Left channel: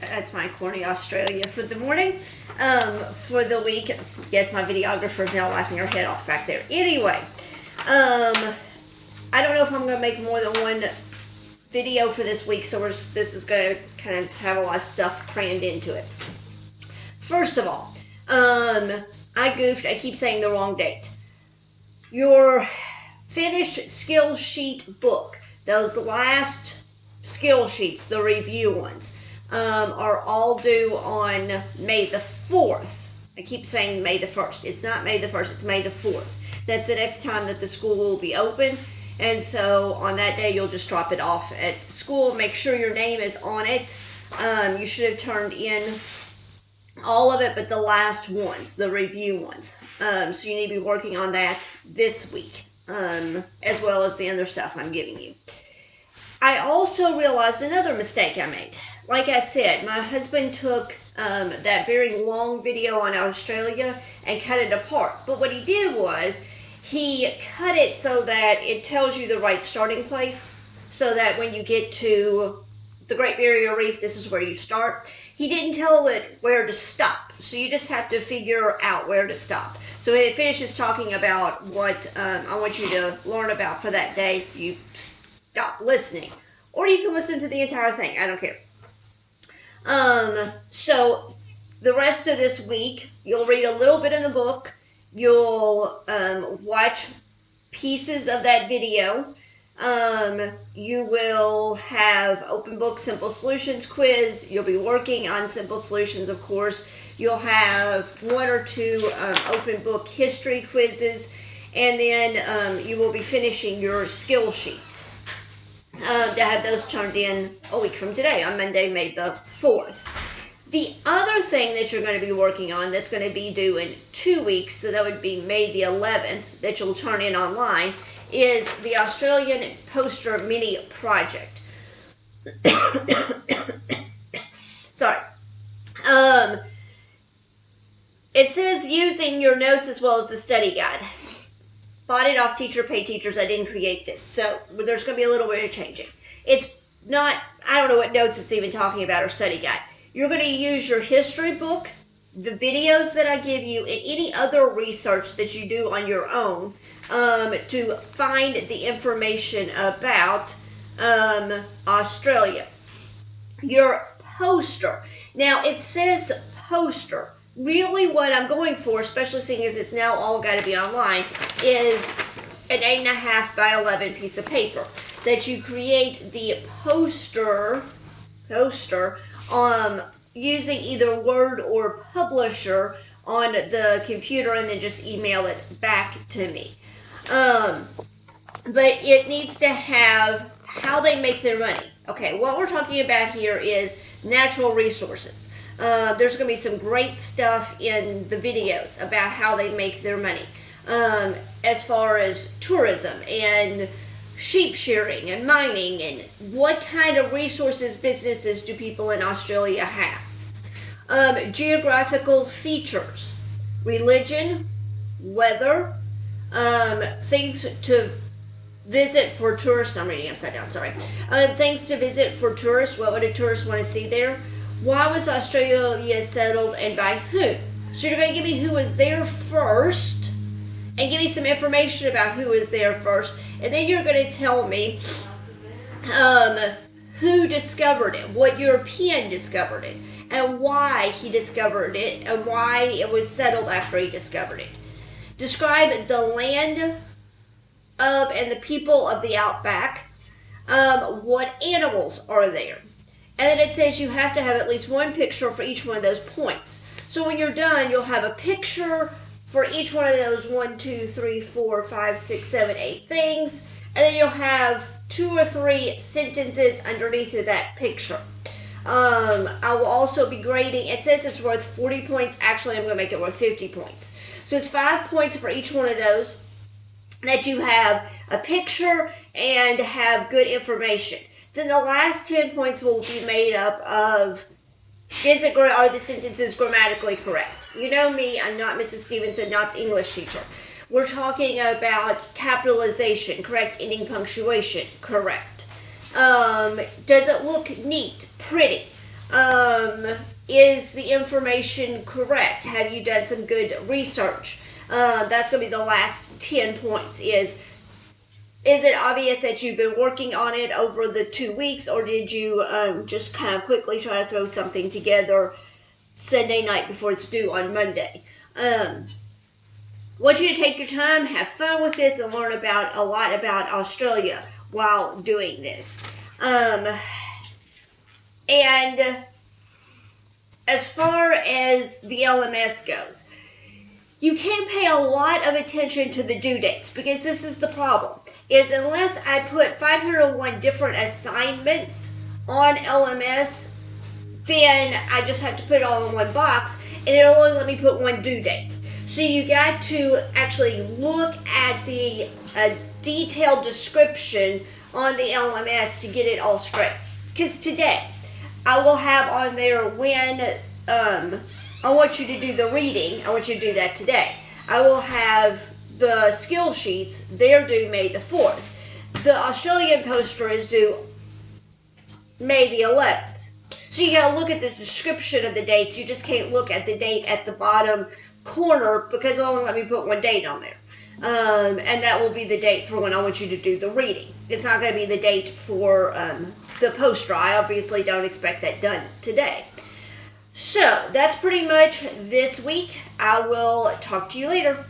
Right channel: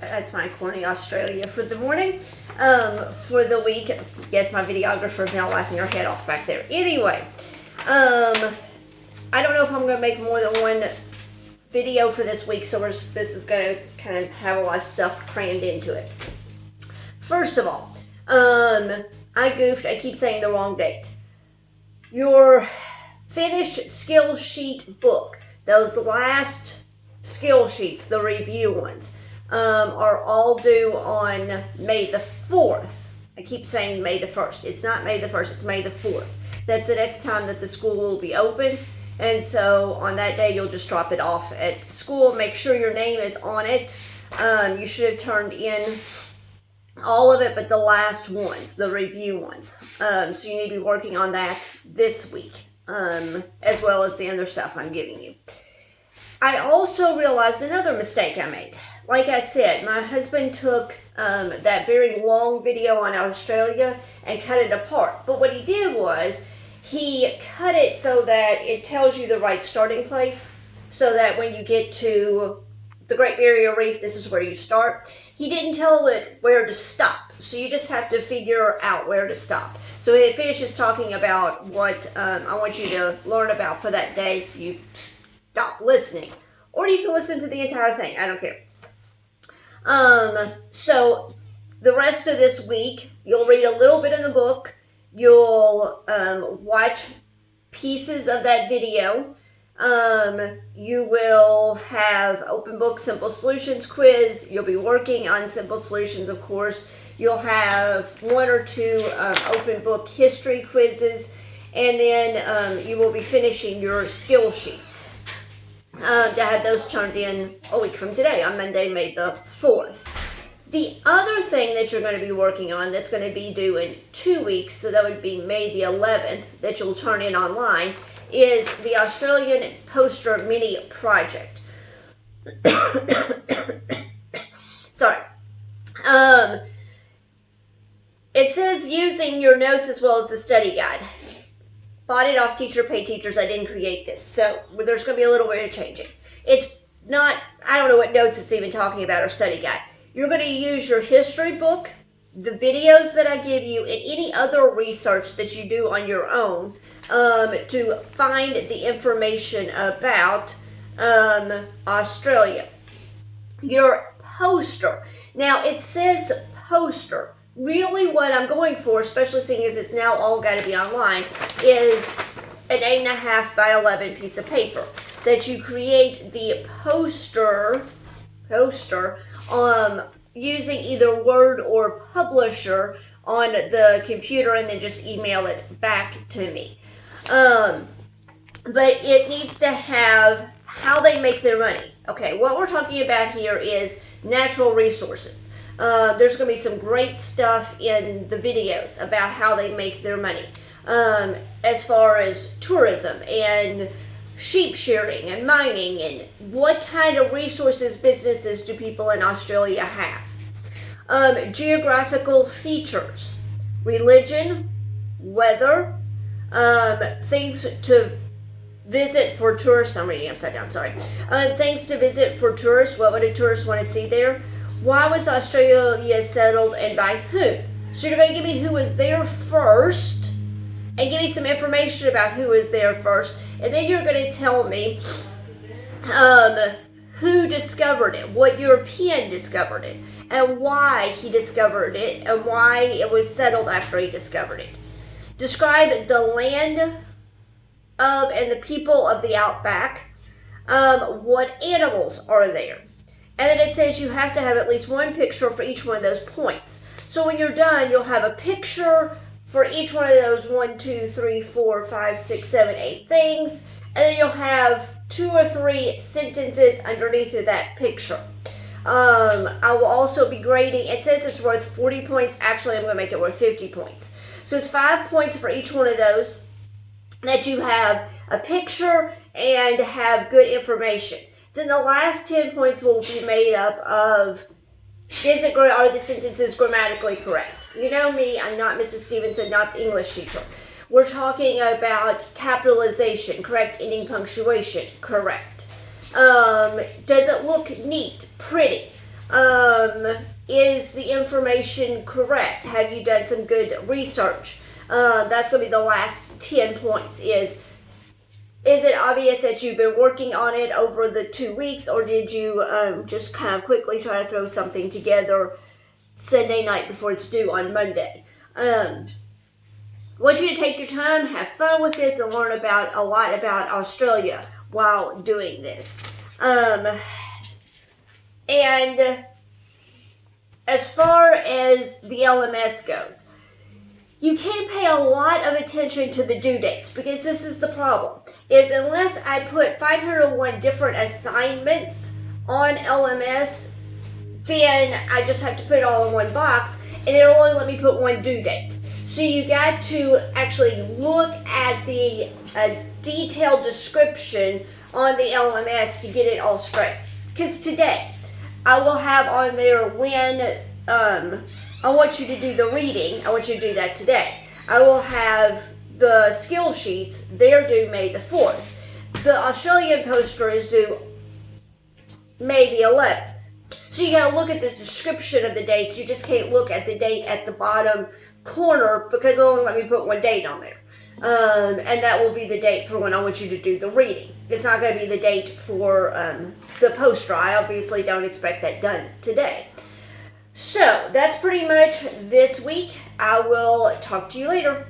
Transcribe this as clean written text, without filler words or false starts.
That's my corny Australia for the morning. For the week, yes, my videographer is now laughing her head off back there. Anyway, I don't know if I'm going to make more than one video for this week, so this is going to kind of have a lot of stuff crammed into it. First of all, I goofed. I keep saying the wrong date. Your finished skill sheet book, those last skill sheets, the review ones, are all due on May the 4th. I keep saying May the 1st. It's not May the 1st, it's May the 4th. That's the next time that the school will be open. And so on that day, you'll just drop it off at school. Make sure your name is on it. You should have turned in all of it, but the last ones, the review ones. So you need to be working on that this week, as well as the other stuff I'm giving you. I also realized another mistake I made. Like I said, my husband took that very long video on Australia and cut it apart. But what he did was, he cut it so that it tells you the right starting place, so that when you get to the Great Barrier Reef, this is where you start. He didn't tell it where to stop, so you just have to figure out where to stop. So it finishes talking about what I want you to learn about for that day. You stop listening, or you can listen to the entire thing. I don't care. So the rest of this week, you'll read a little bit in the book. You'll watch pieces of that video. You will have open book simple solutions quiz. You'll be working on simple solutions, of course. You'll have one or two open book history quizzes, and then you will be finishing your skill sheets to have those turned in a week from today, on Monday, May the 4th. The other thing that you're going to be working on that's going to be due in 2 weeks, so that would be May the 11th, that you'll turn in online, is the Australian Poster Mini Project. Sorry. It says using your notes as well as the study guide. Bought it off Teacher Pay Teachers. I didn't create this, so there's going to be a little bit of changing. It's not, I don't know what notes it's even talking about or study guide. You're going to use your history book, the videos that I give you, and any other research that you do on your own to find the information about Australia. Your poster. Now, it says poster. Really what I'm going for, especially seeing as it's now all got to be online, is an 8.5 by 11 piece of paper. That you create the poster using either Word or Publisher on the computer, and then just email it back to me. But it needs to have how they make their money. Okay, what we're talking about here is natural resources. There's going to be some great stuff in the videos about how they make their money, as far as tourism and sheep shearing and mining, and what kind of resources, businesses do people in Australia have. Geographical features, religion, weather, things to visit for tourists. I'm reading upside down, sorry. Things to visit for tourists. What would a tourist want to see there? Why was Australia settled and by who? So you're going to give me who was there first, and give me some information about who was there first. And then you're going to tell me who discovered it, what European discovered it, and why he discovered it, and why it was settled after he discovered it. Describe the land of and the people of the outback. What animals are there? And then it says you have to have at least one picture for each one of those points. So when you're done, you'll have a picture for each one of those 1, 2, 3, 4, 5, 6, 7, 8 things. And then you'll have 2 or 3 sentences underneath of that picture. I will also be grading. It says it's worth 40 points. Actually, I'm going to make it worth 50 points. So it's 5 points for each one of those, that you have a picture and have good information. Then the last 10 points will be made up of, are the sentences grammatically correct? You know me, I'm not Mrs. Stevenson, not the English teacher. We're talking about capitalization, correct ending punctuation, correct. Does it look neat, pretty? Is the information correct? Have you done some good research? That's going to be the last 10 points. Is it obvious that you've been working on it over the 2 weeks, or did you just kind of quickly try to throw something together Sunday night before it's due on Monday? I want you to take your time, have fun with this, and learn a lot about Australia while doing this. And as far as the LMS goes, you can't pay a lot of attention to the due dates, because this is the problem, is unless I put 501 different assignments on LMS, then I just have to put it all in one box, and it'll only let me put one due date. So you got to actually look at the detailed description on the LMS to get it all straight. Because today, I will have on there when I want you to do the reading. I want you to do that today. I will have the skill sheets. They're due May the 4th. The Australian poster is due May the 11th. So you got to look at the description of the dates. You just can't look at the date at the bottom corner, because it'll only let me put one date on there. And that will be the date for when I want you to do the reading. It's not going to be the date for the poster. I obviously don't expect that done today. So that's pretty much this week. I will talk to you later.